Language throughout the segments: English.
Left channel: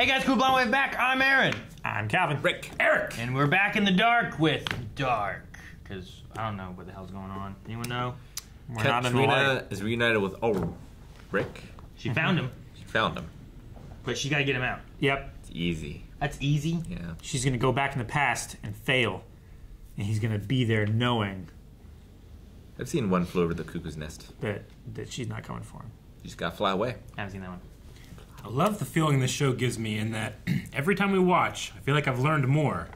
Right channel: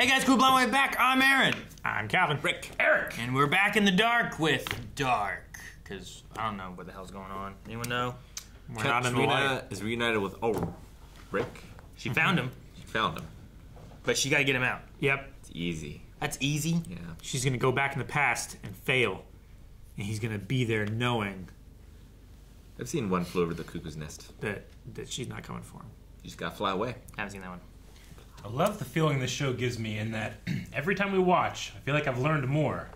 Hey guys, cool blonde way back. I'm Aaron. I'm Calvin. Rick. Eric. And we're back in the dark with Dark. Because I don't know what the hell's going on. Anyone know? We're not in the light. Katrina is reunited with Rick. She found him. She found him. But she gotta get him out. Yep. It's easy. That's easy? Yeah. She's going to go back in the past and fail. And he's going to be there knowing I've seen One Flew Over the Cuckoo's Nest. that she's not coming for him. You just gotta fly away. I haven't seen that one. I love the feeling this show gives me in that every time we watch, I feel like I've learned more,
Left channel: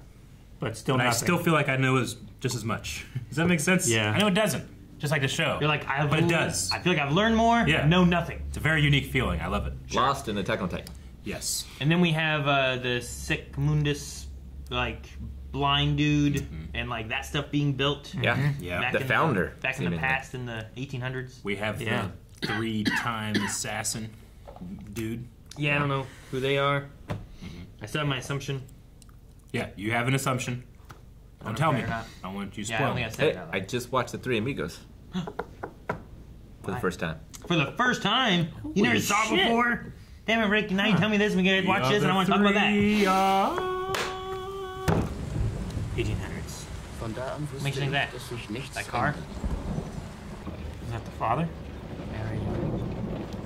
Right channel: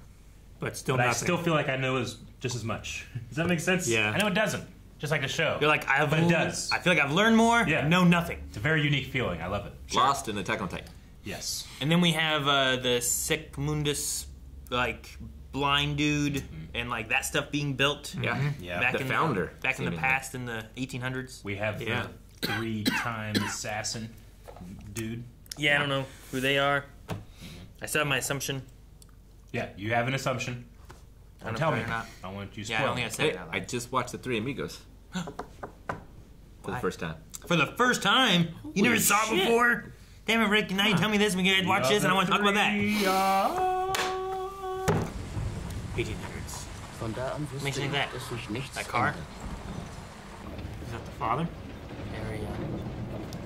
But still but I nothing. still feel like I know just as much. Does that make sense? Yeah. I know it doesn't, just like the show. You're like, But it does. I feel like I've learned more, Yeah. know nothing. It's a very unique feeling. I love it. Lost in Attack on Titan. Yes. And then we have the sick mundus, like, blind dude, and like that stuff being built. Yeah. Yeah. Back The in founder. back in the past in the 1800s. We have Yeah. the 3-time assassin dude. Yeah, I don't know who they are. I still have my assumption. Yeah, you have an assumption. I don't Don't tell know me. if they're not. I don't want you to Yeah, I spoil don't think I it. said Hey, it out I loud. just watched The Three Amigos. For the Why? first time. For the first time? You never saw it shit. before? Damn it, Rick, now you tell me this, we gotta watch this, and I want to talk about that. 1800s. Von da an Makes wusste you ich, that. dass sich nichts That car? ändert. Is that the father?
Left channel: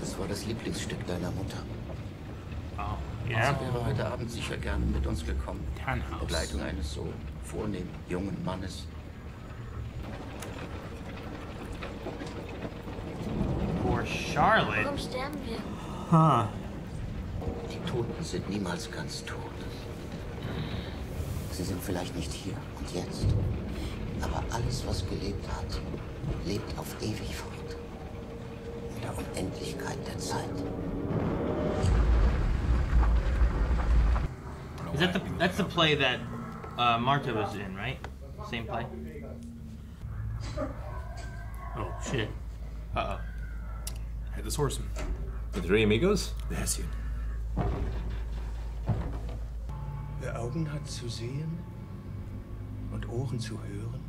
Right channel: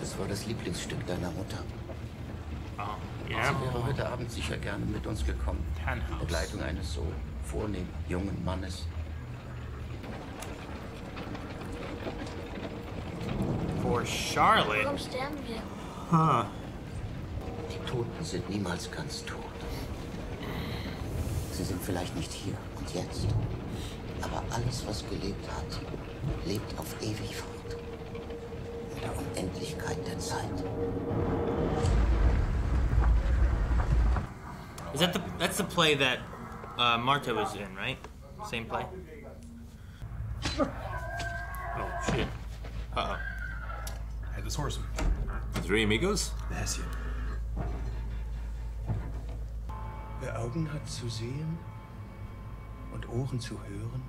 Das war das Lieblingsstück deiner Mutter. Yeah. Sie wäre heute Abend sicher gerne mit uns gekommen. Tannhaus. Begleitung eines so vornehmen jungen Mannes. For Charlotte. Warum sterben wir? Huh. Die Toten sind niemals ganz tot. Sie sind vielleicht nicht hier und jetzt. Aber alles, was gelebt hat, lebt auf ewig fort. In der Unendlichkeit der Zeit. That's the play that Marta was in, right? Same play? Oh, shit. Uh-oh. Hey, this horse. The Three Amigos? Yes, you. Wer Augen hat zu sehen und Ohren zu hören,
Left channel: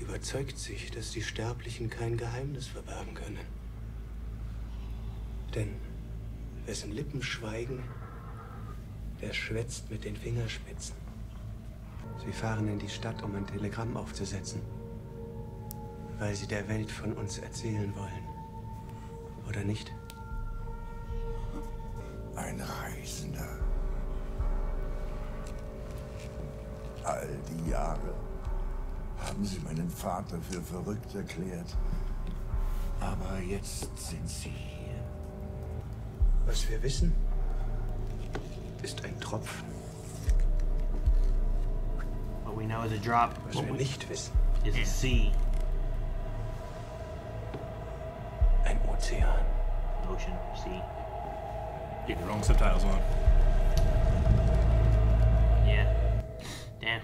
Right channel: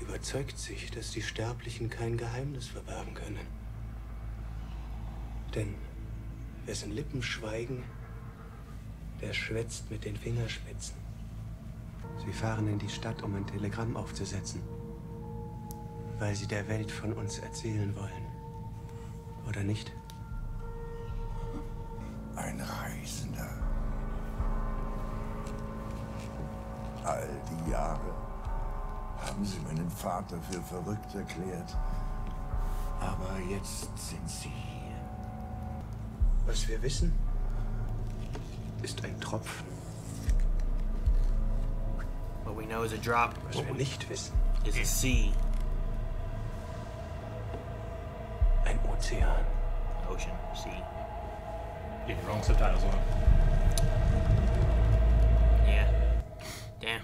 überzeugt sich, dass die Sterblichen kein Geheimnis verbergen können. Denn wessen Lippen schweigen, der schwätzt mit den Fingerspitzen. Sie fahren in die Stadt, um ein Telegramm aufzusetzen, weil sie der Welt von uns erzählen wollen. Oder nicht? Ein Reisender. All die Jahre haben sie meinen Vater für verrückt erklärt. Aber jetzt sind sie hier. Was wir wissen, ist ein Tropfen. What we know is a drop. Was wir nicht wissen, Is a sea. ein Ozean. Ocean, sea. Get your own subtitles on. Yeah. Damn.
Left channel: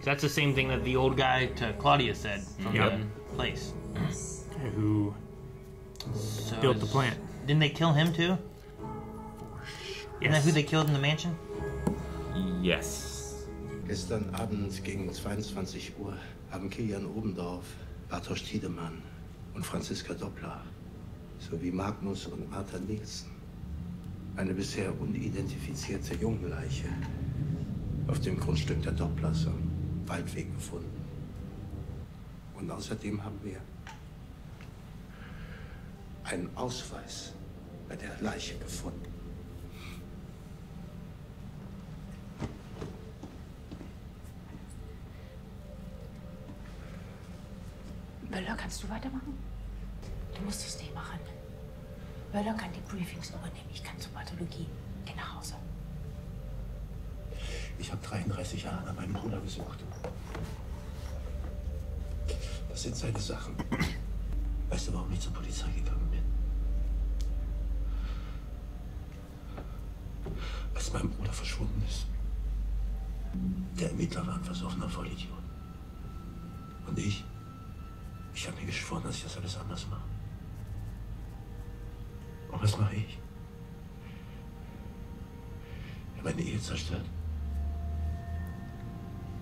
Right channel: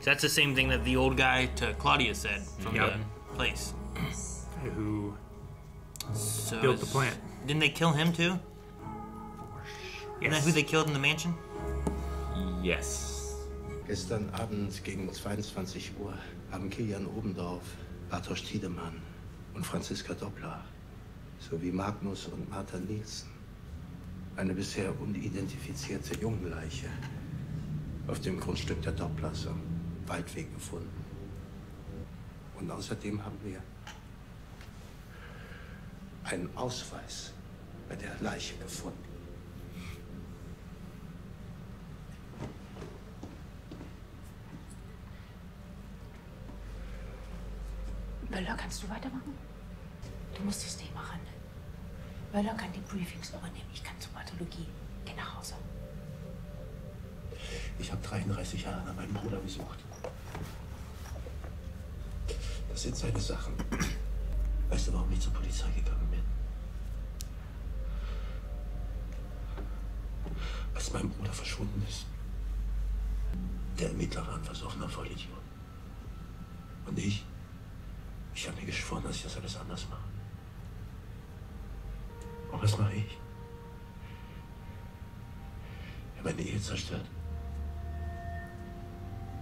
So that's the same thing that the old guy to Claudia said from Yep. the place. Who So built the plant? Didn't they kill him too? Isn't that who they killed in the mansion? Yes. Gestern Abend gegen 22 Uhr haben Kilian Obendorf, Bartosz Tiedemann und Franziska Doppler sowie Magnus und Martha Nielsen eine bisher unidentifizierte Jungenleiche auf dem Grundstück der Dopplers am Waldweg gefunden. Und außerdem haben wir einen Ausweis bei der Leiche gefunden. Möller, kannst du weitermachen? Du musst es nicht machen. Möller kann die Briefings übernehmen. Ich kann zur Pathologie. Geh nach Hause. Ich habe 33 Jahre nach meinem Bruder gesucht. Das sind seine Sachen. Weißt du, warum ich zur Polizei gegangen bin? Als mein Bruder verschwunden ist. Der Ermittler war ein versoffener Vollidiot. Und ich habe mir geschworen, dass ich das alles anders mache. Und was mache ich? Ich habe meine Ehe zerstört.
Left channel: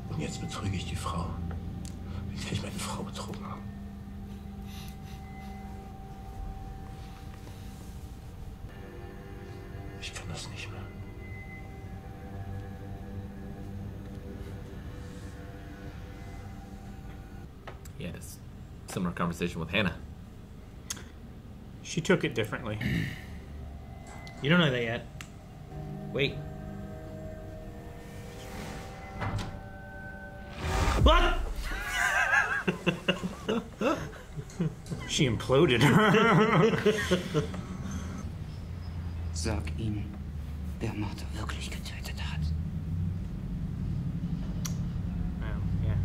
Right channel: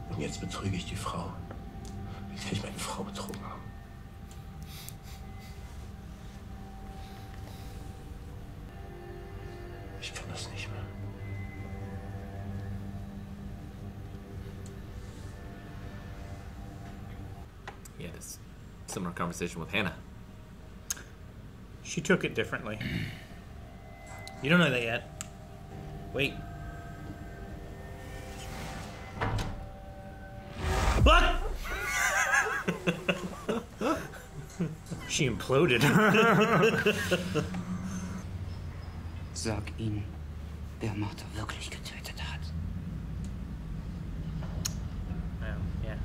Und jetzt betrüge ich die Frau, mit der ich meine Frau betrogen habe. das nicht mehr. He had a similar conversation with Hannah. She took it differently. You don't know that yet. Wait. What? She imploded. Sag ihm, wer Martha wirklich getötet hat. Yeah.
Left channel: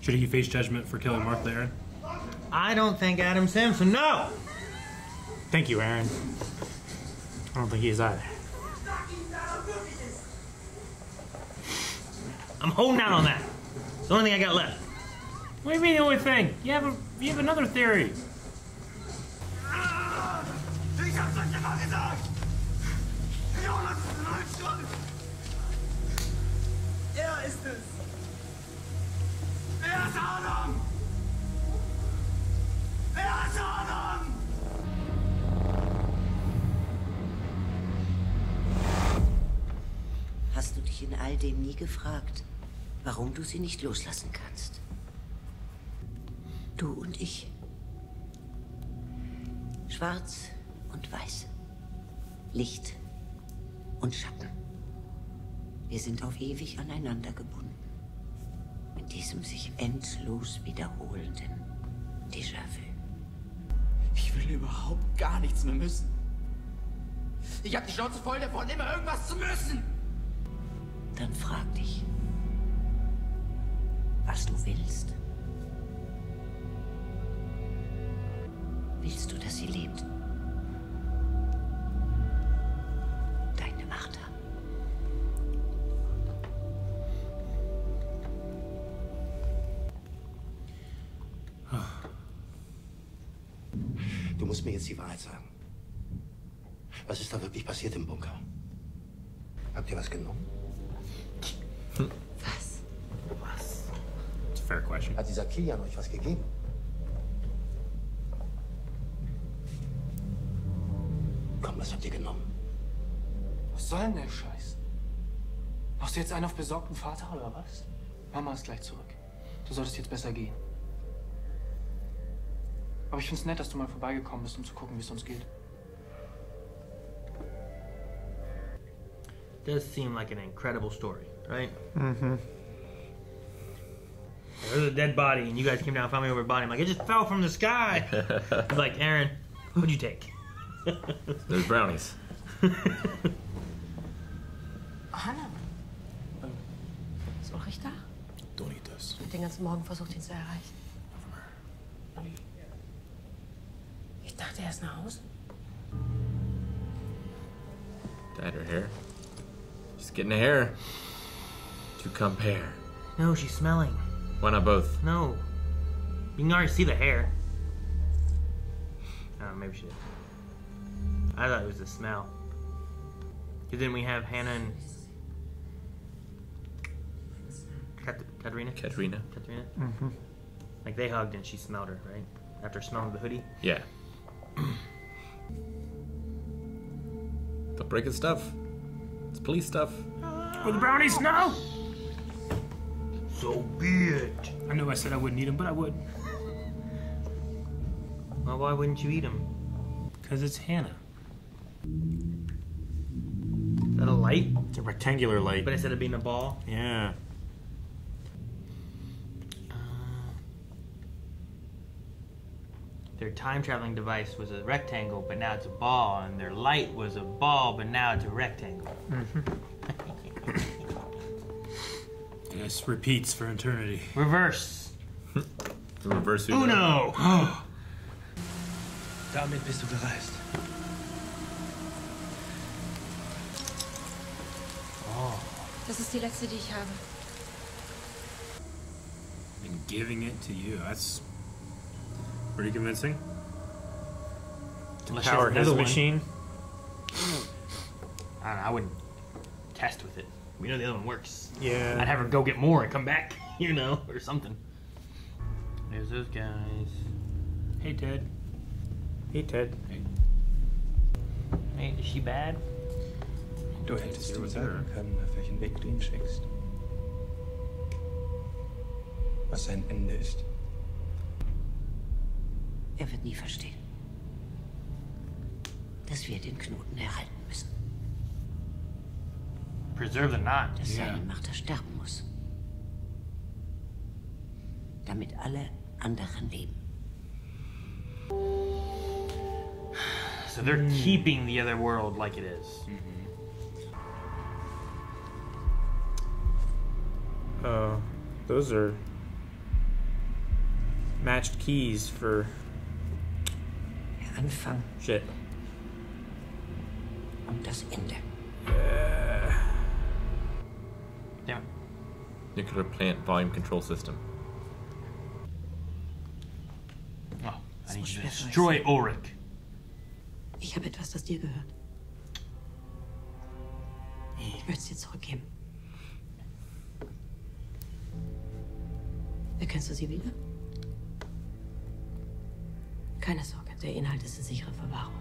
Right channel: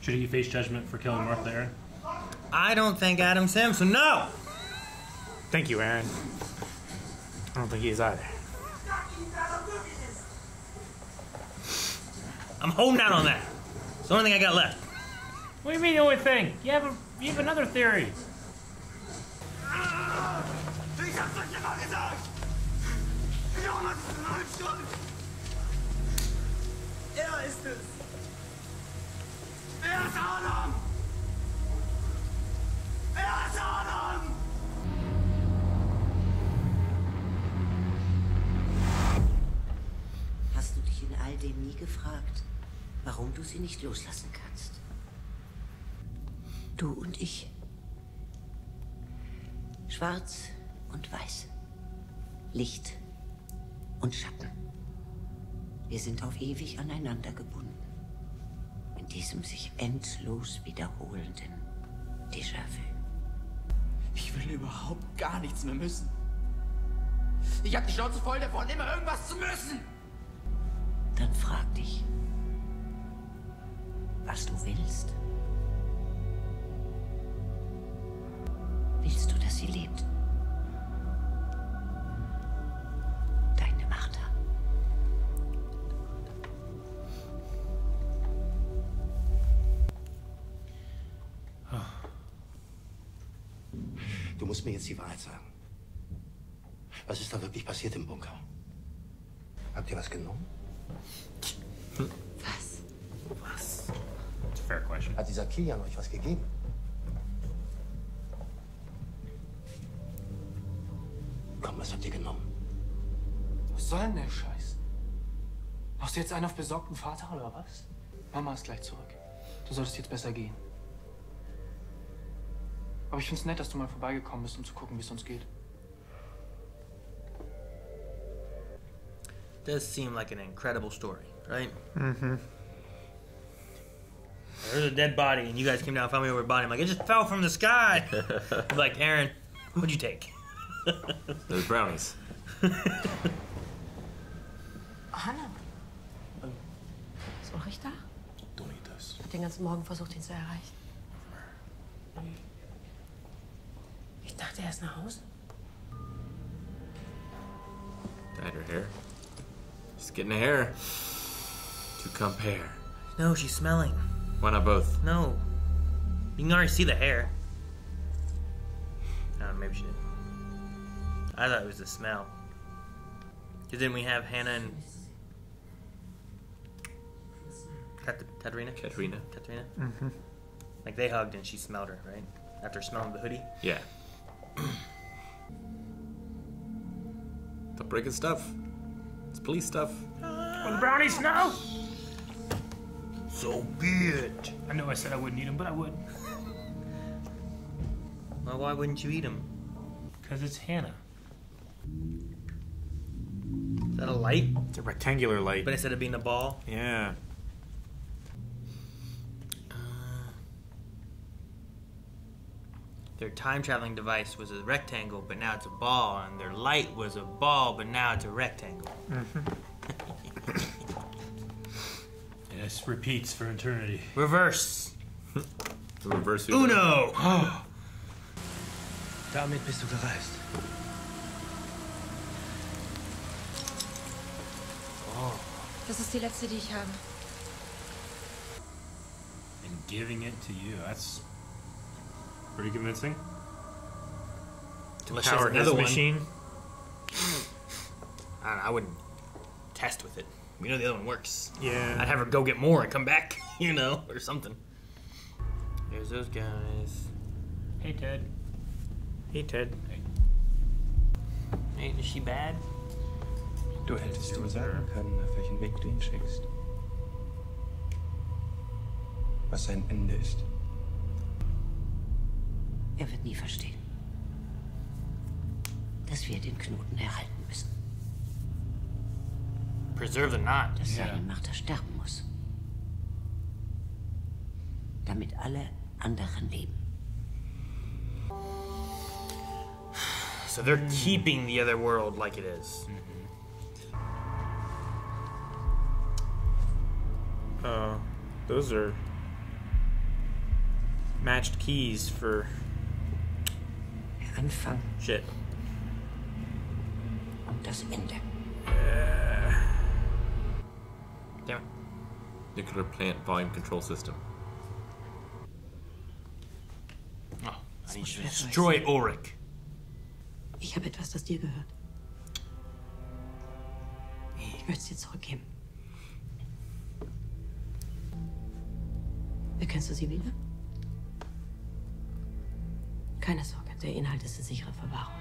Should he face judgment for killing Martha Aaron? I don't think Adam Simpson. No. Thank you, Aaron. I don't think he's either. I'm holding out on that. It's the only thing I got left. What do you mean the only thing? You have another theory. Ich hab's euch immer gesagt! Jonas ist in allem schuld! Er ist es! Er ist Adam! Er ist Adam! Hast du dich in all dem nie gefragt, warum du sie nicht loslassen kannst? Du und ich. Schwarz und weiß. Licht und Schatten. Wir sind auf ewig aneinander gebunden. In diesem sich endlos wiederholenden Déjà-vu. Ich will überhaupt gar nichts mehr müssen. Ich hab die Schnauze voll davon, immer irgendwas zu müssen. Dann frag dich, was du willst. Willst du, dass sie lebt? Deine Martha. Du musst mir jetzt die Wahrheit sagen. Was ist da wirklich passiert im Bunker? Habt ihr was genommen? Was? Was? It's a fair question. Hat dieser Kilian euch was gegeben? Komm, was habt ihr genommen? Was soll denn der Scheiß? Machst du jetzt einen auf besorgten Vater oder was? Mama ist gleich zurück. Du solltest jetzt besser gehen. Aber ich find's nett, dass du mal vorbeigekommen bist, um zu gucken, wie es uns geht. Does seem like an incredible story, right? Mm-hmm. There's a dead body, and you guys came down and found me over a body. I'm like, it just fell from the sky. I'm like, Aaron, what'd you take? There's brownies. Hanna. Ist Ulrich da? Don't eat this. Hat den ganzen Morgen versucht, ihn zu erreichen. Ich dachte, er ist nach Hause. Dyed her hair. She's getting a hair to compare. No, she's smelling. Why not both? No. You can already see the hair. Maybe she did. I thought it was the smell. Because then we have Hannah and Katerina? Katerina. Mm-hmm. Like they hugged and she smelled her, right? After smelling the hoodie? Yeah. Stop breaking stuff. It's police stuff. Oh, the brownies, no! So good. I know I said I wouldn't eat them, but I would. Well, why wouldn't you eat them? Because it's Hannah. Is that a light? It's a rectangular light. But instead of being a ball? Yeah. Their time-traveling device was a rectangle, but now it's a ball, and their light was a ball, but now it's a rectangle. Mm-hmm. This repeats for eternity. Reverse. The reverse. Uno! Damit bist du gereist. Das ist die letzte, die ich habe. And giving it to you. That's pretty convincing. Unless Power there's his another one. machine. I don't know, I wouldn't test with it. We know the other one works. Yeah. I'd have her go get more and come back, you know, or something. There's those guys. Hey, Ted. Hey, Ted. Hey, is she bad? Du hättest ihm sagen können, auf welchen Weg du ihn schickst. Was sein Ende ist. Er wird nie verstehen, dass wir den Knoten erhalten müssen. Preserve the knot. Dass seine Macht sterben muss. Damit alle anderen leben. So they're keeping the other world like it is. Those are matched keys for Der Anfang shit. und das Ende. Damn. Nuclear plant volume control system. Oh, I need to destroy Ulrich. Ich habe etwas, das dir gehört. Ich möchte es dir zurückgeben. Erkennst du sie wieder? Keine Sorge, der Inhalt ist in sicherer Verwahrung.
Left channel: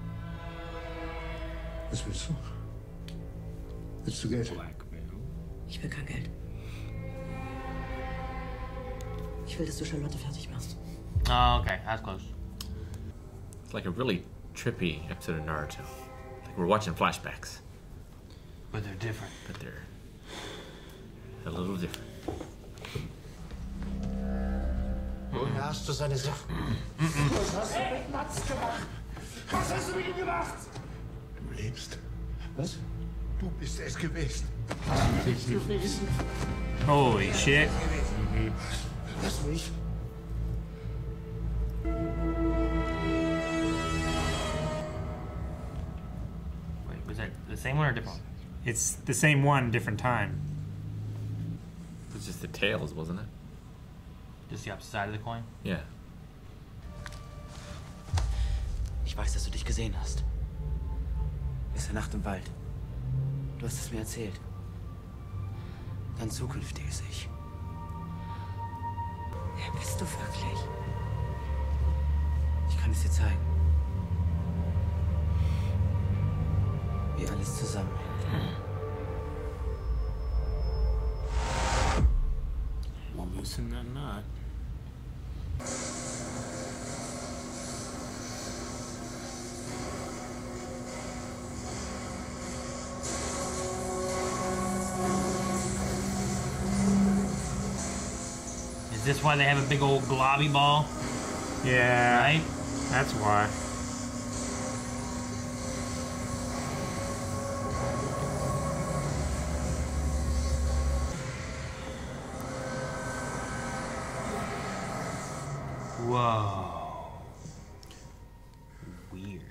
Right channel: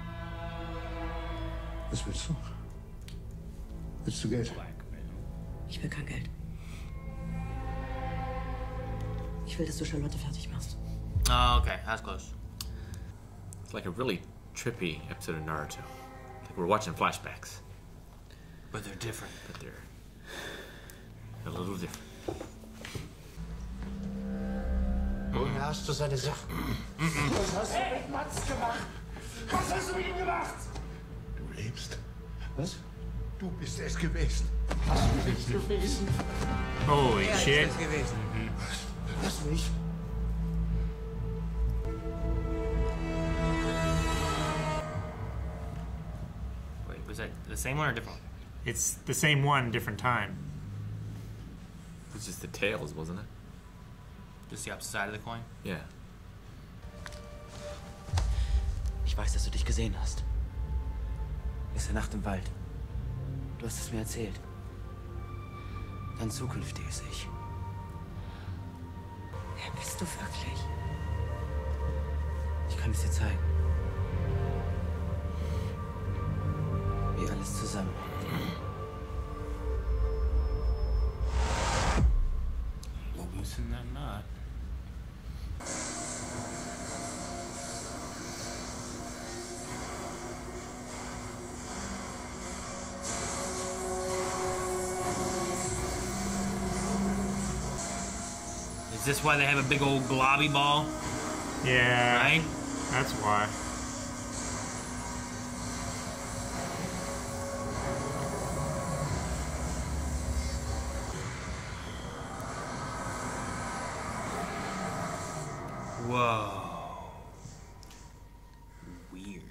Was willst du? Willst du Geld? Ich will kein Geld. Ich will, dass du Charlotte fertig machst. Oh, okay, that's close. It's like a really trippy episode of Naruto. Like we're watching flashbacks. But they're different. But they're a little different. Woher hast du seine Sachen? Was hast du mit Mats gemacht? Was hast du mit ihm gemacht? Du lebst. Was? Du bist es gewesen. Hast du nicht gewesen? Holy shit. Lass mich. Wait, was that the same one or different one? It's the same one, different time. It's just the tails, wasn't it? Just the opposite side of the coin? Yeah. Ich weiß, dass du dich gesehen hast. Gestern Nacht im Wald. Du hast es mir erzählt. Dein zukünftiges Ich. Wer bist du wirklich? Ich kann es dir zeigen. Wie alles zusammenhängt. Loosen that knot. Is this why they have a big old globby ball? Yeah. Right? That's why. Whoa. Weird.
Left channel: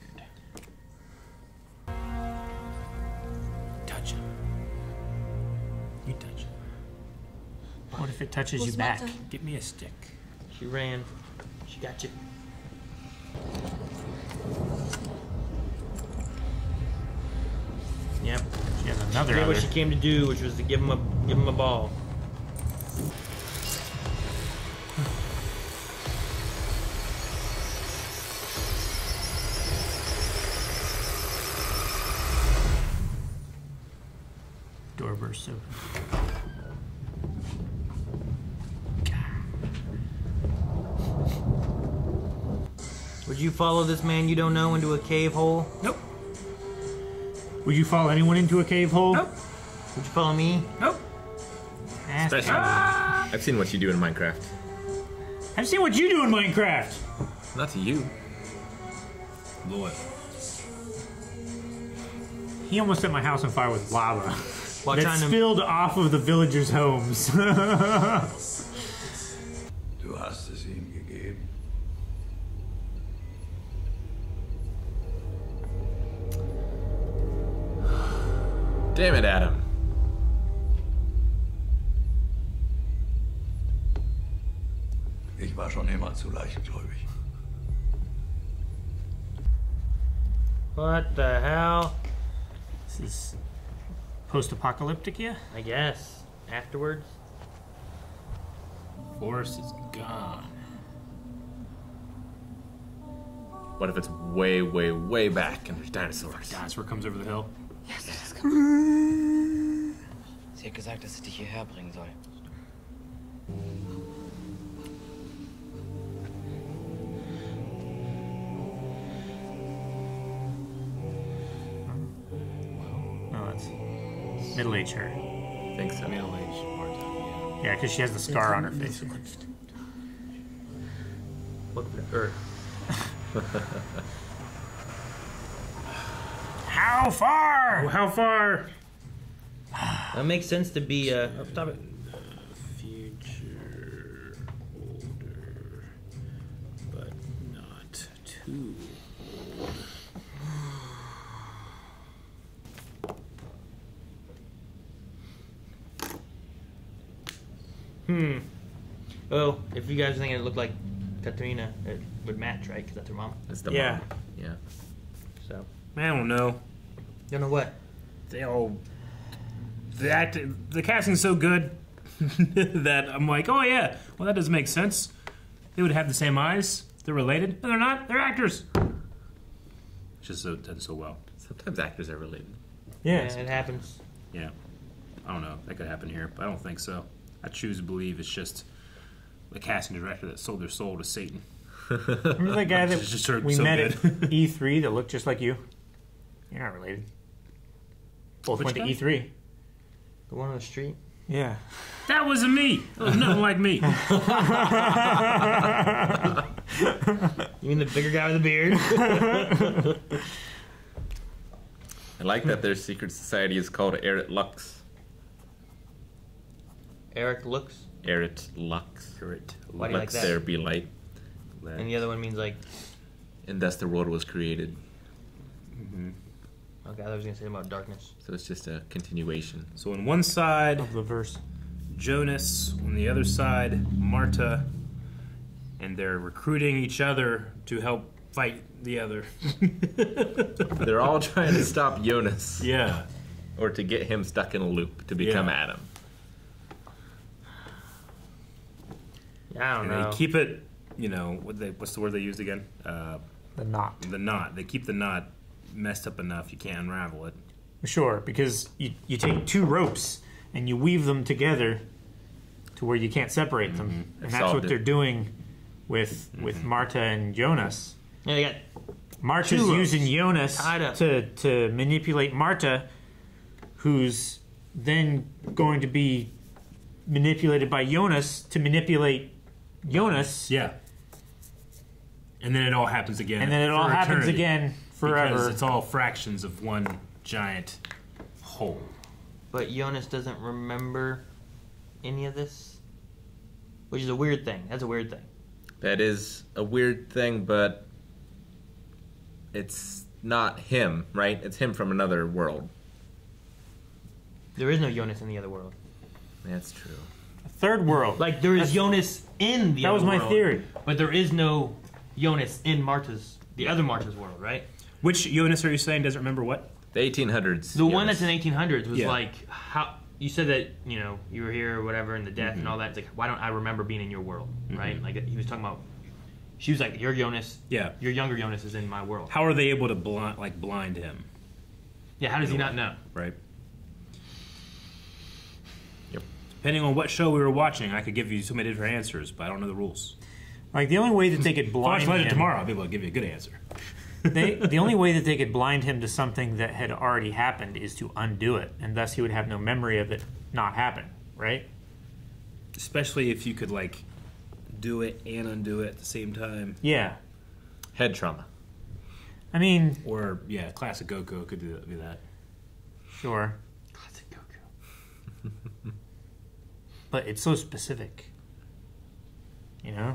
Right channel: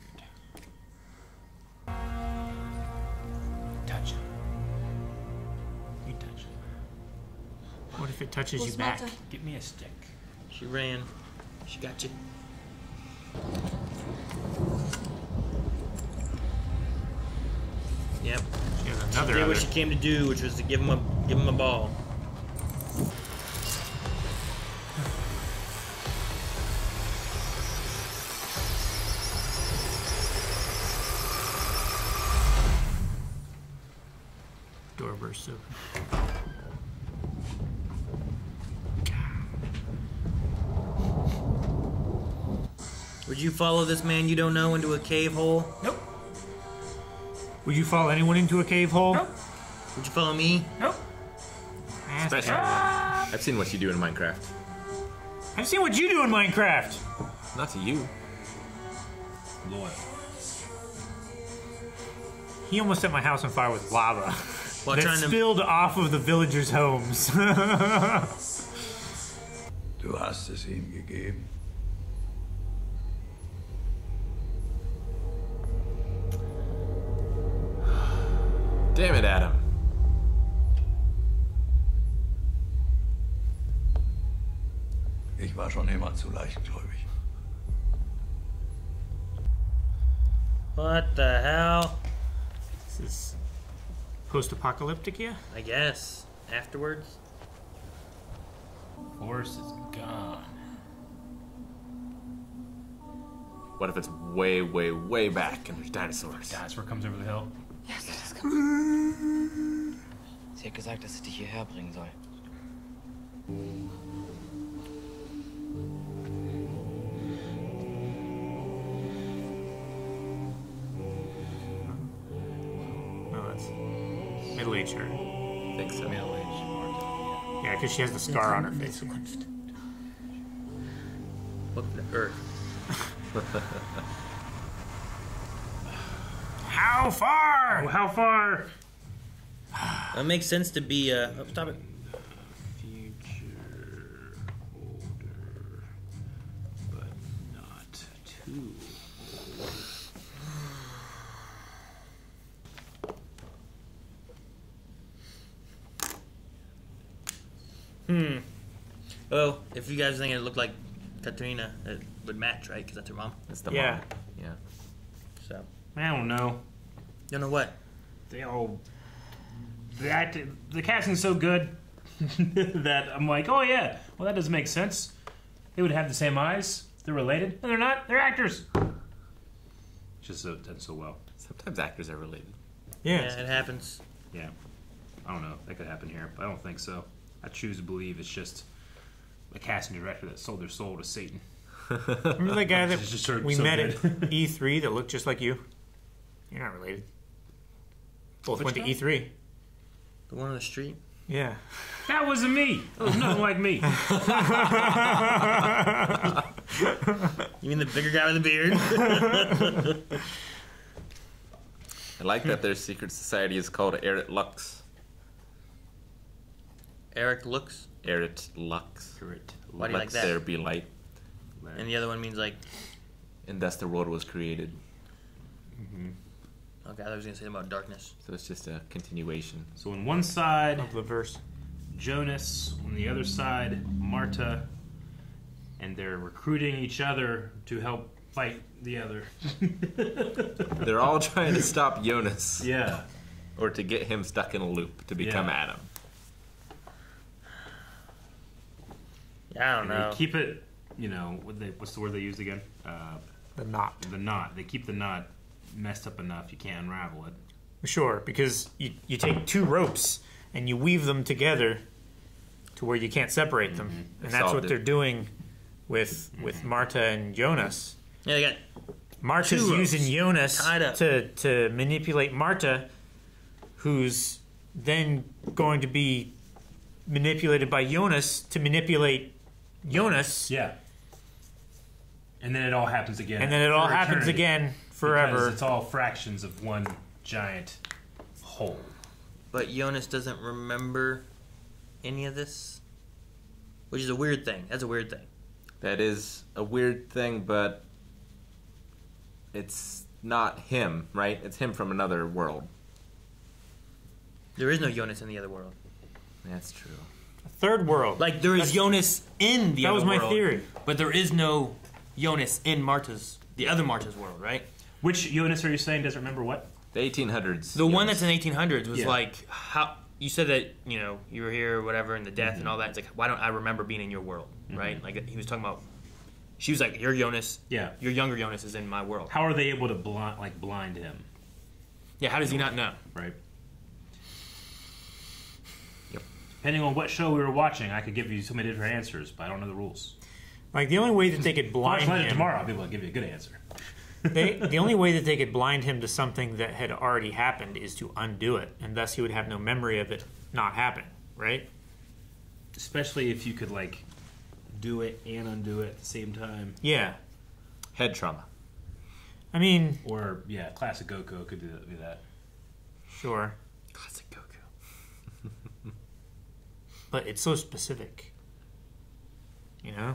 Touch him. You touch him. What if it touches you back? Give me a stick. She ran. She got you. Yep. She has She another did what other. she came to do, which was to give him a ball. Door bursts open. Would you follow this man you don't know into a cave hole? Nope. Would you follow anyone into a cave hole? Nope. Would you follow me? Nope. Especially, I've seen what you do in Minecraft. I've seen what you do in Minecraft. Not to you. Loyal. He almost set my house on fire with lava While that trying to- spilled off of the villagers' homes. Du hast es ihm gegeben. Damn it, Adam. Ich war schon immer zu leichtgläubig. What the hell? This is post-apocalyptic, yeah? I guess. Afterwards? Force is gone. What if it's way, way, way back and there's dinosaurs? Dinosaur comes over the hill. Yes, das kommt. Sie hat gesagt, dass sie dich hierher bringen soll. No, that's middle-aged her. I think so. Yeah, because she has the scar on her face. Welcome to Earth. How far? Oh, how far? That makes sense to be stop it. But not too. Well, if you guys think it looked like Katrina, it would match, right? Because that's her mom. It's the Yeah. mom. Yeah. So, I don't know. you know what? The casting's so good that I'm like, oh yeah, well that does make sense. They would have the same eyes. They're related, but they're not. They're actors. It's just done so well. Sometimes actors are related. Yeah. Yeah, it happens. Yeah, I don't know. That could happen here, but I don't think so. I choose to believe it's just the casting director that sold their soul to Satan. Remember that guy It's just that we so met good. at E3 that looked just like you? You're not related. Both Which went to guy? E3. The one on the street. Yeah. That wasn't me. That was nothing like me. You mean the bigger guy with the beard? I like that their secret society is called Erit Lux. Erit Lux. Erit Lux. Why do you like Let that? there be light. And the other one means like. And thus the world was created. Okay, I was gonna say about darkness. So it's just a continuation. So on one side, Of the verse. Jonas. On the other side, Marta. And they're recruiting each other to help fight the other. They're all trying to stop Jonas. Yeah. Or to get him stuck in a loop to become Yeah. Adam. I don't And know. they keep it, what's the word they used again? The knot. The knot. They keep the knot messed up enough you can't unravel it. Sure, because you take two ropes and you weave them together to where you can't separate them. And that's what Solved they're it. doing with Marta and Jonas. Yeah, they got Marta's two ropes using Jonas tied up. to manipulate Marta, who's then going to be manipulated by Jonas to manipulate Jonas. Yeah. And then it all happens again. And then it all for happens eternity. again forever. Because it's all fractions of one giant whole. But Jonas doesn't remember any of this, which is a weird thing. That's a weird thing. That is a weird thing, but it's not him, right? It's him from another world. There is no Jonas in the other world. That's true. Third world. Like there is Jonas in the That other was my world, theory. but there is no Jonas in the other Marta's world, right? Which Jonas are you saying doesn't remember what? The 1800s. The one Jonas. that's in 1800s was Yeah. like how you said that you were here or whatever, and the death and all that. It's like why don't I remember being in your world, right? Like he was talking about. She was like, "You're Jonas. Yeah. Your younger Jonas is in my world." How are they able to blind him? Yeah. How does he not know? Right. Yep. Depending on what show we were watching, I could give you so many different answers, but I don't know the rules. Like the only way that they could blind Watch later him tomorrow, I'll be able to give you a good answer. the only way that they could blind him to something that had already happened is to undo it, and thus he would have no memory of it not happening, right? Especially if you could do it and undo it at the same time. Yeah. Head trauma. I mean, Or classic Goku could do that. sure, Classic Goku. but it's so specific. Yeah,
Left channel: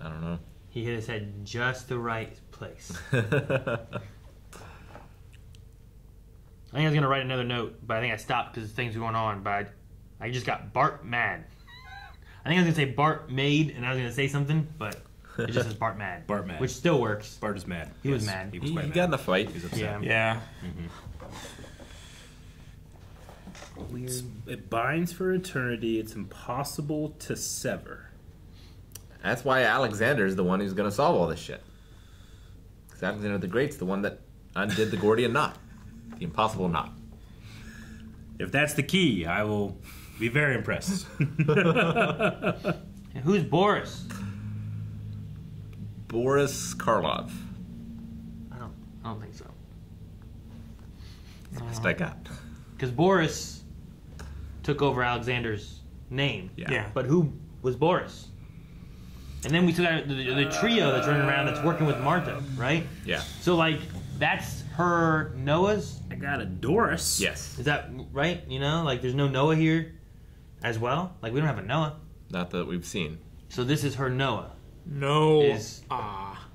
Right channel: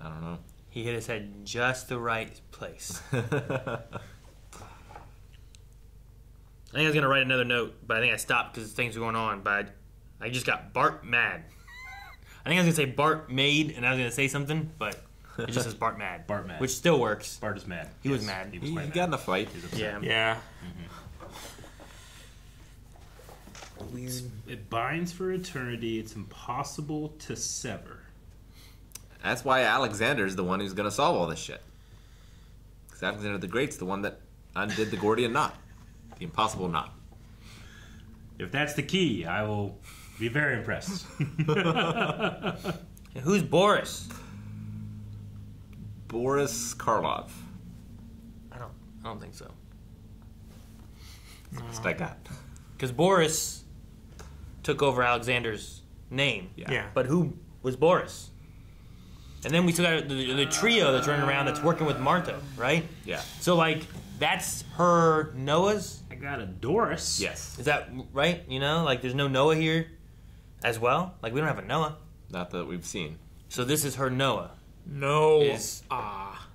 I don't know. He hit his head just the right place. I think I was gonna write another note, but I think I stopped because things were going on. But I just got Bart Mad. I think I was gonna say Bart Made, and I was gonna say something, but it just says Bart Mad. Bart Mad. Which still works. Bart is mad. He was mad. He was He quite got mad. in the fight. He was upset. Yeah. Yeah. Weird. It binds for eternity. It's impossible to sever. That's why Alexander's the one who's going to solve all this shit. Because Alexander the Great's the one that undid the Gordian knot. The impossible knot. If that's the key, I will be very impressed. And who's Boris? Boris Karloff. I don't think so. Best I got. Because Boris took over Alexander's name. Yeah. But who was Boris? And then we took out the trio that's running around that's working with Marta, right? Yeah. So, like, that's her Noah's? I got a Doris. Yes. Is that right? You know, like, there's no Noah here as well? Like, we don't have a Noah. Not that we've seen. So this is her Noah. No.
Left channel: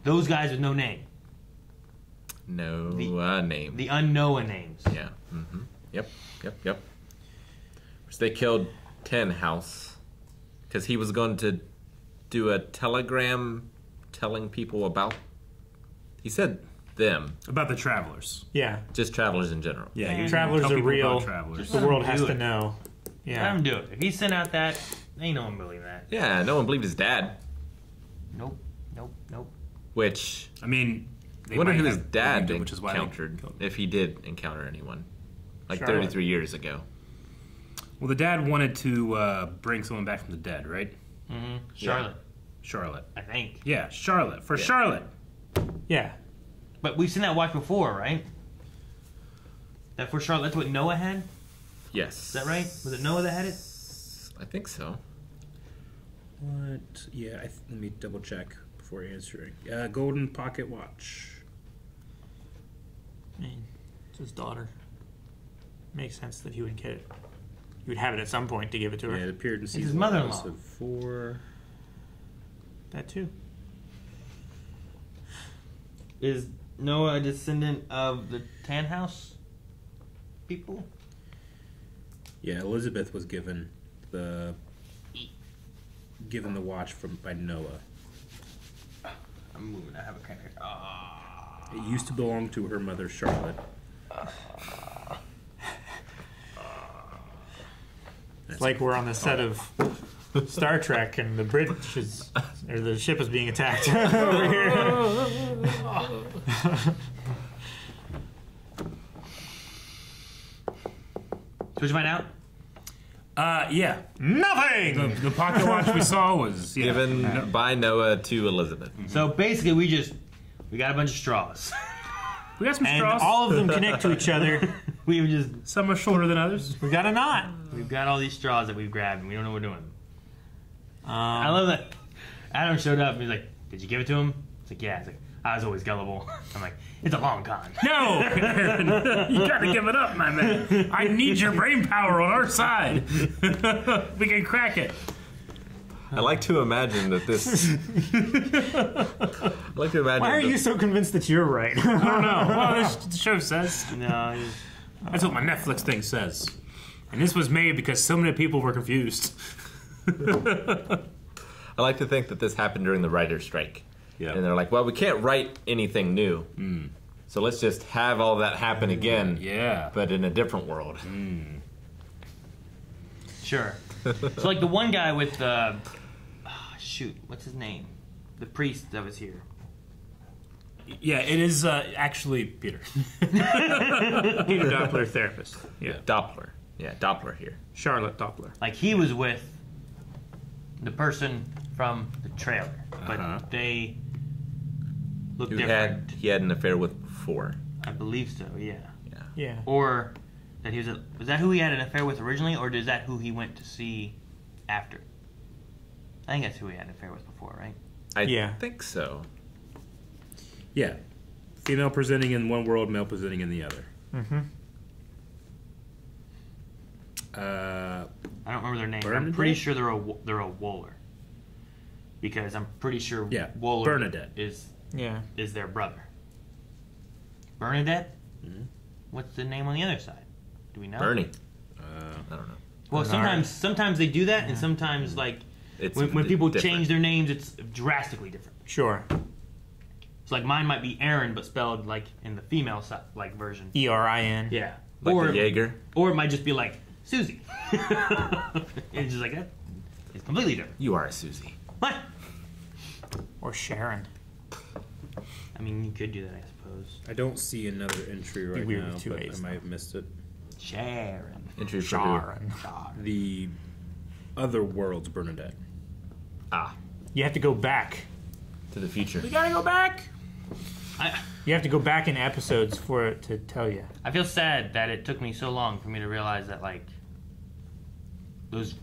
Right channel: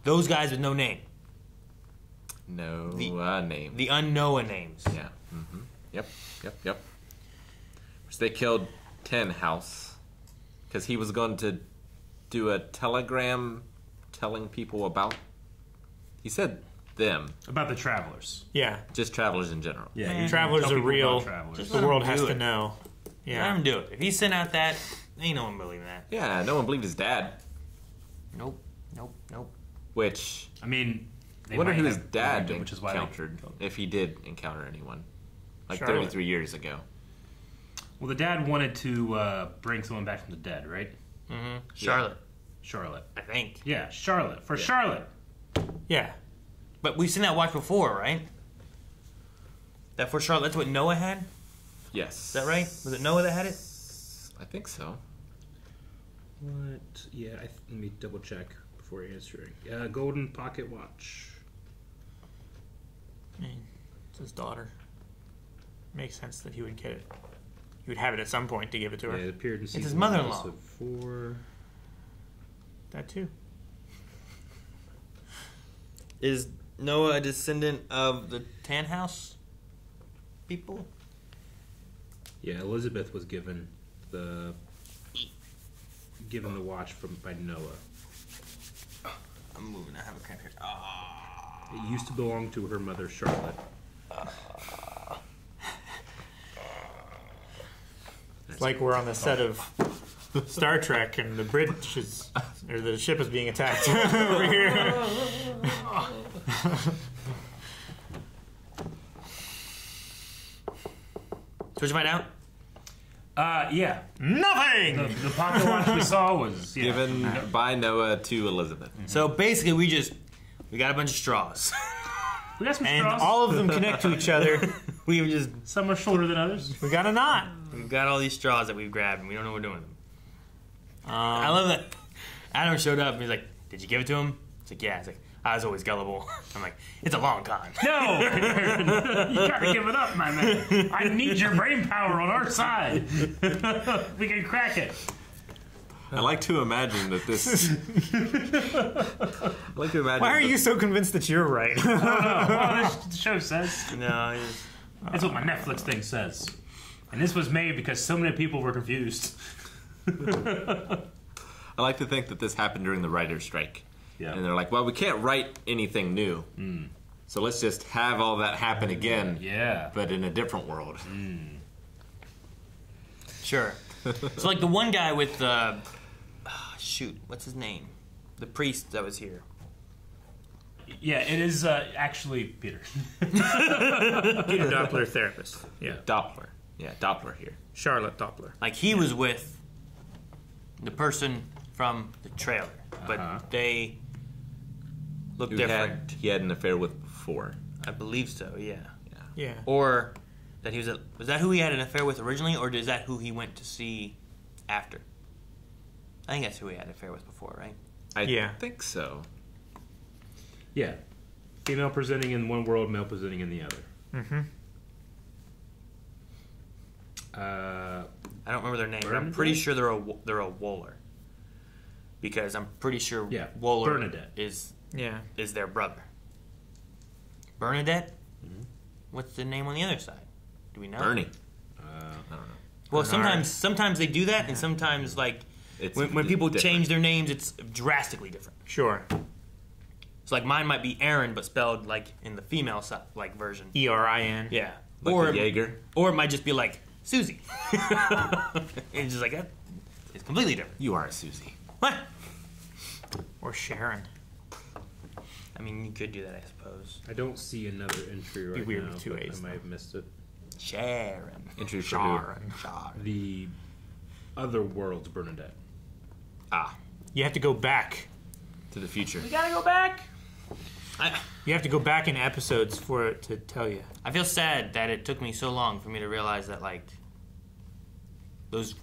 Those guys with no name. No name. The un-Noah names. Yeah. Mm-hmm. Yep. So they killed Tannhaus because he was going to do a telegram telling people about. He said them. About the travelers. Yeah. Just travelers in general. Yeah. Travelers are real. Travelers. The world has to know. Let Yeah. him do it. If he sent out that, ain't no one believing that. Yeah, no one believed his dad. Nope. Which, I mean, I wonder might who his have dad believed it, which is why they encountered, killed him. if he did encounter anyone. Like Charlotte. 33 years ago. Well, the dad wanted to bring someone back from the dead, right? Mm-hmm. Charlotte. Charlotte. I think. Yeah, Charlotte. For Charlotte. Yeah. But we've seen that watch before, right? That for Charlotte, that's what Noah had? Yes. Is that right? Was it Noah that had it? I think so. What? Yeah, let me double check before answering. Golden pocket watch. I mean, it's his daughter. Makes sense that he would get it. He would have it at some point to give it to her. Yeah, it appeared in It's season his mother-in-law. one, so 4. That too. Is Noah a descendant of the Tannhaus people? Yeah, Elizabeth was given the watch by Noah. I'm moving. I have a kind of. It used to belong to her mother, Charlotte. It's like we're on the set of Star Trek and the ship is being attacked over here. Did you find out? Yeah. Nothing! The pocket watch we saw was Given by Noah to Elizabeth. So basically, we got a bunch of straws. We got some And straws. all of them connect to each other. We've just Some are shorter than others. We've got a knot. we've got all these straws that we've grabbed, and we don't know what we're doing with them. I love that. Adam showed up and he's like, "Did you give it to him?" It's like, "Yeah." It's like, "I was always gullible." I'm like, "It's a long con." No! You gotta give it up, my man. I need your brain power on our side. We can crack it. I like to imagine that this. I like to imagine. Why are you so convinced that you're right? I don't know. Well, the show says. No, That's what my Netflix thing says. And this was made because so many people were confused. I like to think that this happened during the writer's strike. Yeah. And they're like, well, we can't write anything new. So let's just have all that happen again. Yeah. But in a different world. sure. So like the one guy with the shoot, what's his name? The priest that was here. Yeah, it is actually Peter. Peter Doppler, therapist. Yeah. Doppler. Yeah, Doppler here. Charlotte Doppler. Like he was with the person from the trailer, but they look Who different. he had an affair with before. I believe so. Yeah. Yeah. Or that he was that who he had an affair with originally, or is that who he went to see after? I think that's who he had an affair with before, right? I think so. Yeah. Female presenting in one world, male presenting in the other. Mm-hmm. I don't remember their name, but I'm Bernadette? pretty sure they're a Wohler. Because I'm pretty sure Wohler Bernadette. is their brother. Bernadette? What's the name on the other side? Do we know? Bernie. I don't know. Well, sometimes they do that, and sometimes like It's when people different. change their names, it's drastically different. Sure. So like mine might be Aaron, but spelled like in the female side, like version. E-R-I-N. Yeah. Like a Jaeger. Or it might just be like Susie. It's just like that. It's completely different. You are a Susie. What? Or Sharon. I mean, you could do that, I suppose. I don't see another entry right Be weird now, with two but A's, I might have missed it. Sharon. Entry for who? Sharon. The other world's Bernadette. You have to go back. To the future. You gotta go back. You have to go back in episodes for it to tell you. I feel sad that it took me so long for me to realize that, like, those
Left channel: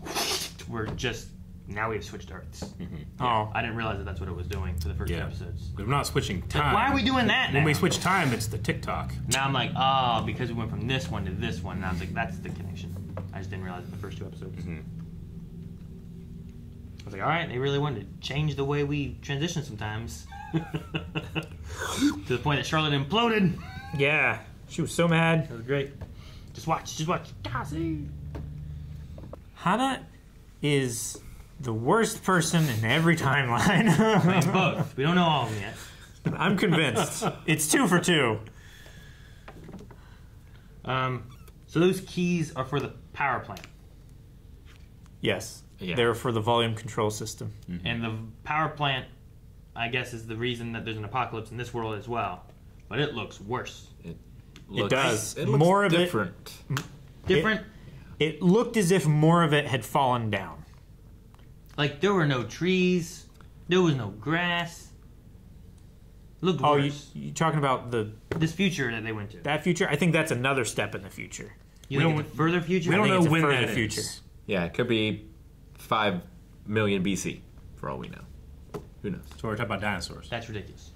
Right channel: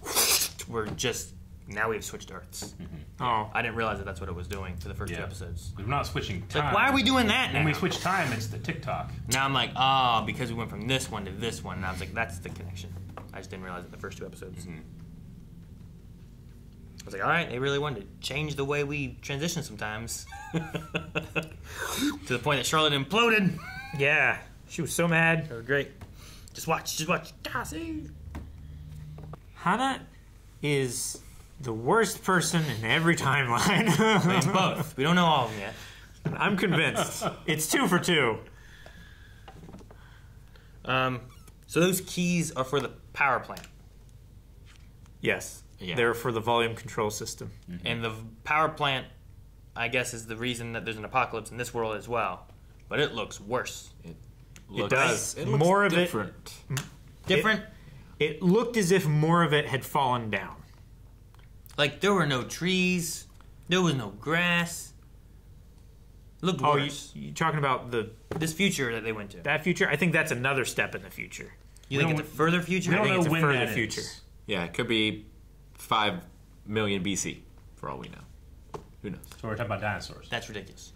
were just, now we've switched Earths. Oh. I didn't realize that that's what it was doing for the first two episodes. We're not switching time. Like, why are we doing that now? When we switch time, it's the TikTok. Now I'm like, oh, because we went from this one to this one. And I was like, that's the connection. I just didn't realize it the first two episodes. I was like, all right, they really wanted to change the way we transition sometimes. To the point that Charlotte imploded. Yeah, she was so mad. That was great. Just watch. Cassie. Hana is the worst person in every timeline. Both. We don't know all of them yet. I'm convinced. It's 2 for 2. So those keys are for the power plant. Yes. Yeah. They're for the volume control system. And the power plant, I guess, is the reason that there's an apocalypse in this world as well. But it looks worse. It does. It looks more of different. Different? It looked as if more of it had fallen down. Like, there were no trees. There was no grass. Looked worse. You talking about this future that they went to? That future? I think that's another step in the future. You think it's a further future? We don't know when that future. is. Yeah, it could be 5 million BC, for all we know. Who knows? So we're talking about dinosaurs. That's ridiculous.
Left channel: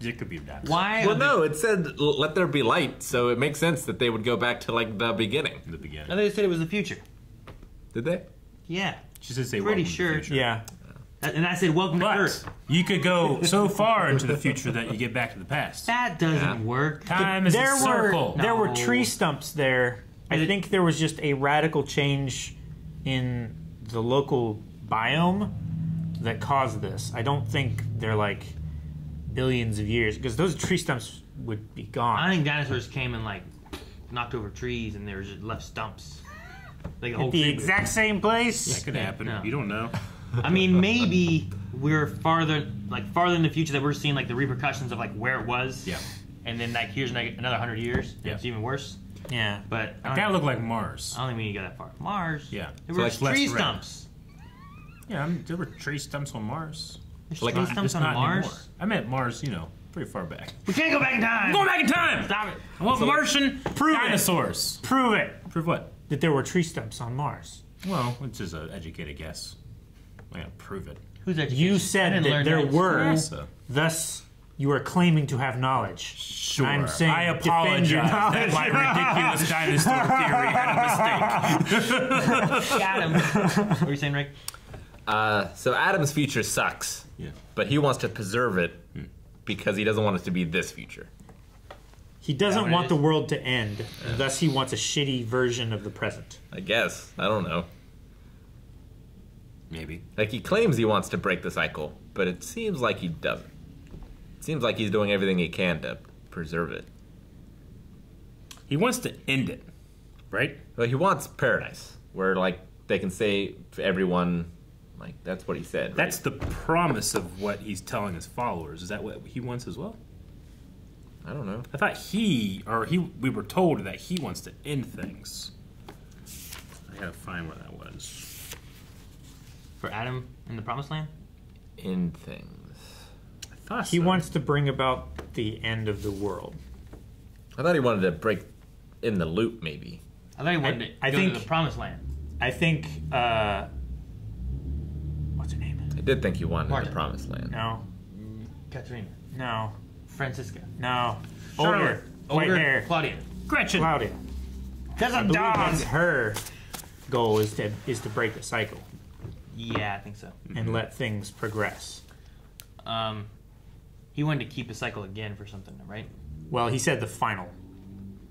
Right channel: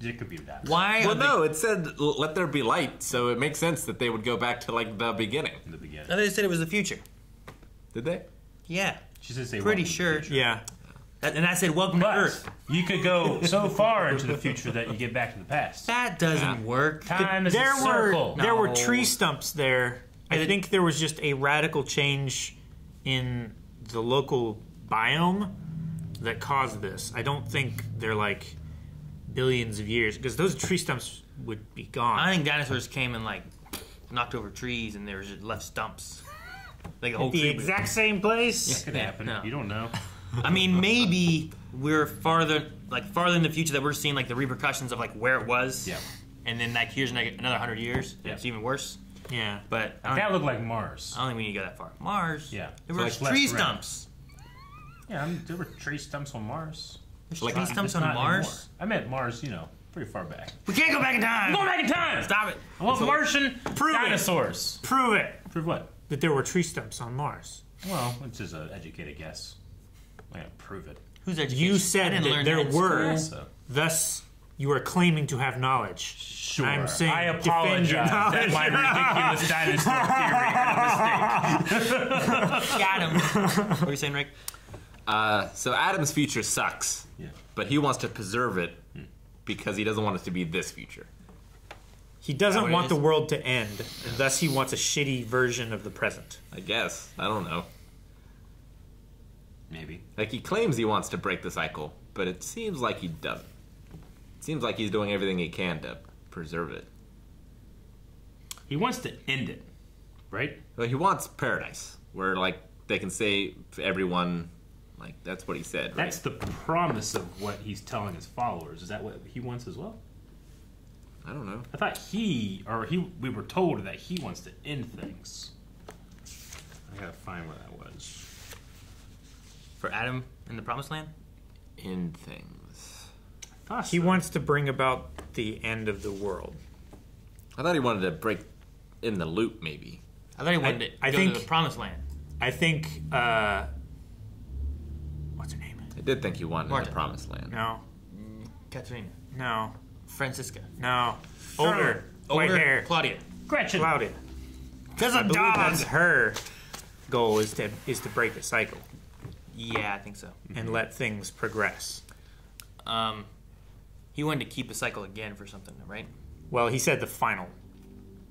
It could be a dinosaur. Why? Well, no, it said let there be light, so it makes sense that they would go back to, like, the beginning. In the beginning. No, they said it was the future. Did they? Yeah. She said say Pretty welcome to the sure. future. Yeah. And I said, welcome to Earth. You could go so far into the future that you get back to the past. That doesn't work. Time is a circle. There were No. tree stumps there. I think there was just a radical change in the local biome that caused this. I don't think they're like billions of years, because those tree stumps would be gone. I think dinosaurs came and, like, knocked over trees and they were just left stumps. Like a whole At the tree. exact same place? That could happen. No. You don't know. I mean, maybe we're farther in the future that we're seeing, like, the repercussions of, like, where it was. Yeah. And then, like, here's another 100 years. And Yeah. it's even worse. Yeah. But That looked like Mars. I don't think we need to go that far. Mars. Yeah. There So were it's less tree red. stumps. Yeah, there were tree stumps on Mars. There's Like- tree It's stumps Just on not Mars. anymore. I meant Mars, pretty far back. We can't go back in time. Go back in time! Stop it. I want Martian Prove it. dinosaurs. Prove it Prove what? that there were tree stumps on Mars. Well, it's just an educated guess. I'm going to prove it. Who's education? You I said didn't that learn there in school. were, So, thus you are claiming to have knowledge. sure. And I'm saying I defend your apologize that knowledge. my ridiculous dinosaur theory had a mistake. Got him. What are you saying, Rick? So Adam's future sucks, Yeah. but he wants to preserve it because he doesn't want it to be this future. He Is that doesn't what it want is? the world to end, and thus he wants a shitty version of the present. I guess. I don't know. Maybe. Like, he claims he wants to break the cycle, but it seems like he doesn't. It seems like he's doing everything he can to preserve it. He wants to end it, right? But he wants paradise, where, like, they can say to everyone, like, that's what he said, right? That's the promise of what he's telling his followers. Is that what he wants as well? I don't know. I thought we were told that he wants to end things. I gotta find where that was. For Adam in the Promised Land? End things. I thought He so. wants to bring about the end of the world. I thought he wanted to break in the loop, maybe. I thought he wanted to I go think- to the Promised Land. I think, what's her name? I did think he wanted Marta. the promised land. No, Katrina. no, Francisca. no. Charlotte. White Older. hair. Claudia. Gretchen. Claudia. Because I of believe dog. that's her goal is to break the cycle Yeah, I think so. and let things progress. He wanted to keep the cycle again for something, right? Well, he said the final.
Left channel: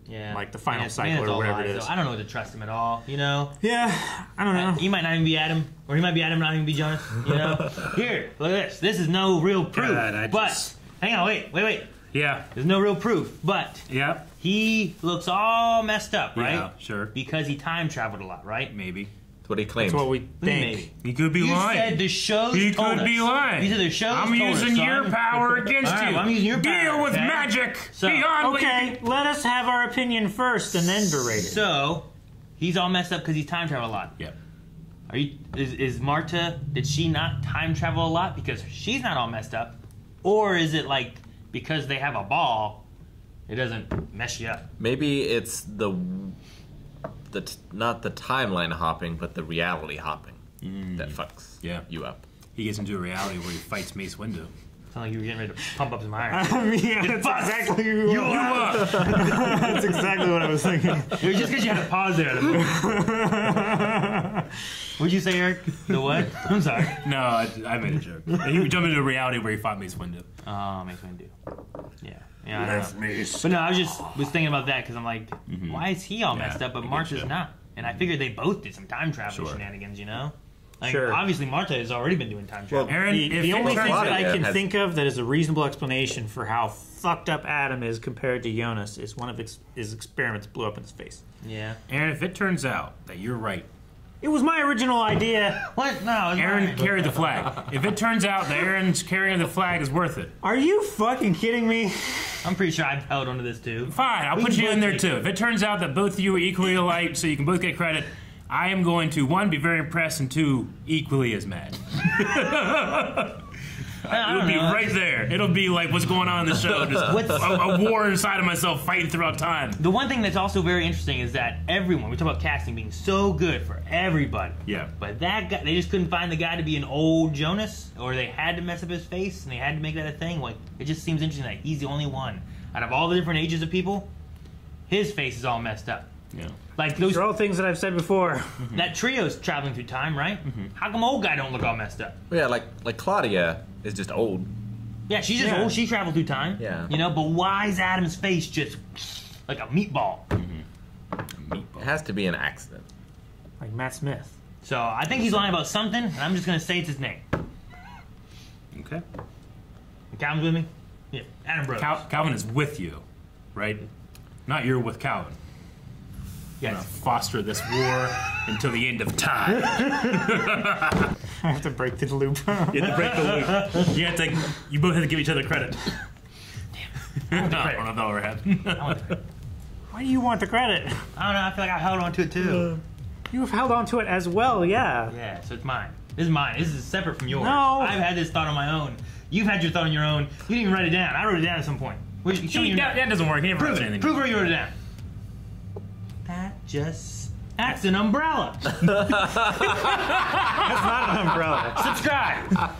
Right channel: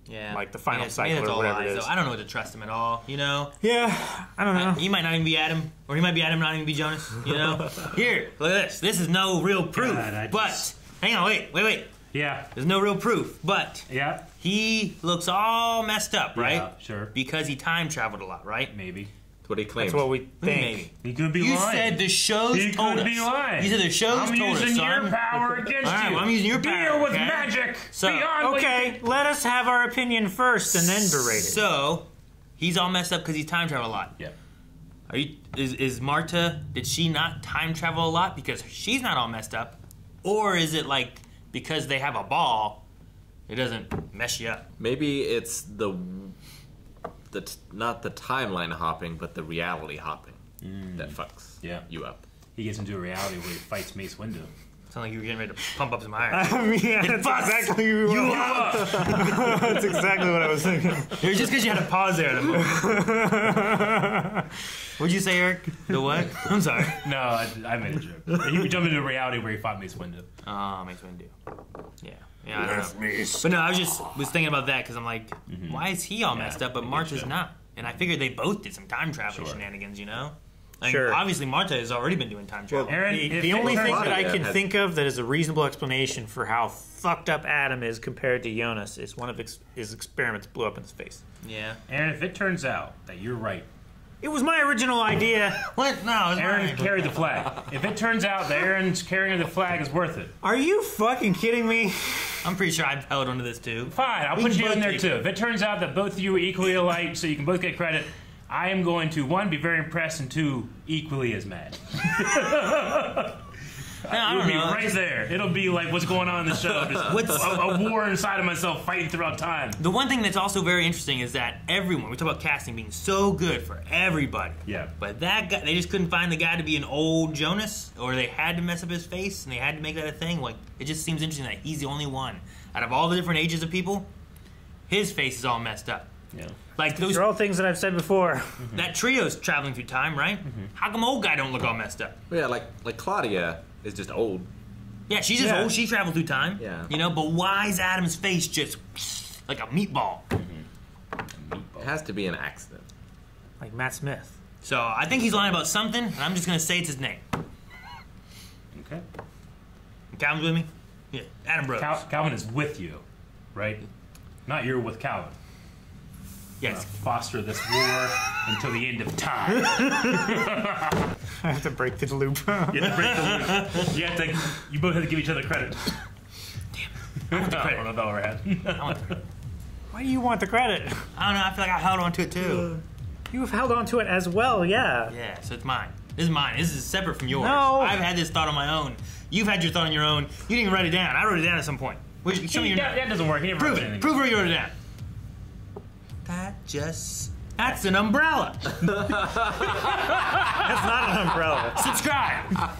Yeah. Like the final Maybe cycle that's or all whatever lies, it is. So I don't know what to trust him at all, you know? Yeah, I don't know. He might not even be Adam, or he might be Adam, not even be Jonas, you know? Here, look at this. This is no real proof. God, but, hang on, wait. Yeah. There's no real proof, but Yeah. he looks all messed up, right? Yeah, sure. Because he time traveled a lot, right? Maybe. That's what he claims. That's what we think. Maybe. He could be You lying. said the show's He told could be us. lying. You said the show's I'm told us, using son. your power against All right, you. well, I'm using your power. Deal with okay? magic. So, Beyond what Okay, let us have our opinion first and then berate it. So, he's all messed up because he's time travel a lot. Yeah. Is Marta, did she not time travel a lot because she's not all messed up? Or is it like because they have a ball, it doesn't mess you up? Maybe it's not the timeline hopping, but the reality hopping that fucks you up. He gets into a reality where he fights Mace Windu. Sound like you were getting ready to pump up some iron. Yeah, that's exactly That's exactly what I was thinking. It was just because you had to pause there. What'd you say, Eric? The what? I'm sorry. No, I made a joke. He would jump into a reality where he fought Mace Windu. Oh, Mace Windu. Yeah, I don't know. But no, I was thinking about that because I'm like, why is he all messed up, but Marta's not? And I figured they both did some time travel shenanigans, you know? Like, obviously, Marta has already been doing time travel. Aaron, the only thing that I can think of that is a reasonable explanation for how fucked up Adam is compared to Jonas is one of his experiments blew up in his face. Yeah. Aaron, if it turns out that you're right. It was my original idea. What? No, Aaron carried the flag. If it turns out that Aaron's carrying the flag is worth it. Are you fucking kidding me? I'm pretty sure I've held onto this too. Fine, I'll put you in there too. If it turns out that both of you are equally alike, so you can both get credit, I am going to, 1, be very impressed, and 2, equally as mad. It'll be right there. It'll be like what's going on in the show. Just a war inside of myself fighting throughout time. The one thing that's also very interesting is that everyone, we talk about casting being so good for everybody. Yeah. But that guy, they just couldn't find the guy to be an old Jonas, or they had to mess up his face, and they had to make that a thing. Like, it just seems interesting that he's the only one. Out of all the different ages of people, his face is all messed up. Yeah. Like those are all things that I've said before. That trio's traveling through time, right? How come old guy don't look all messed up? Yeah, like Claudia is just old. Yeah, she's just old. She traveled through time. Yeah. You know, but why is Adam's face just like a meatball? It has to be an accident. Like Matt Smith. So I think he's lying about something, and I'm just going to say it's his name. Okay. Calvin's with me? Yeah, Adam Brothers. Calvin is with you, right? Not you're with Calvin. Yes. Foster this war until the end of time. I have to break the loop. You have to break the loop. You both have to give each other credit. Damn it. I don't know if that ever had. Why do you want the credit? I don't know. I feel like I held on to it too. You have held on to it as well, yeah. Yeah, so it's mine. This is mine. This is separate from yours. No. I've had this thought on my own. You've had your thought on your own. You didn't even write it down. I wrote it down at some point. Show me your note. That doesn't work. He never Prove writes it. anything. Prove where you wrote it down. That's an umbrella. That's not an umbrella. Subscribe.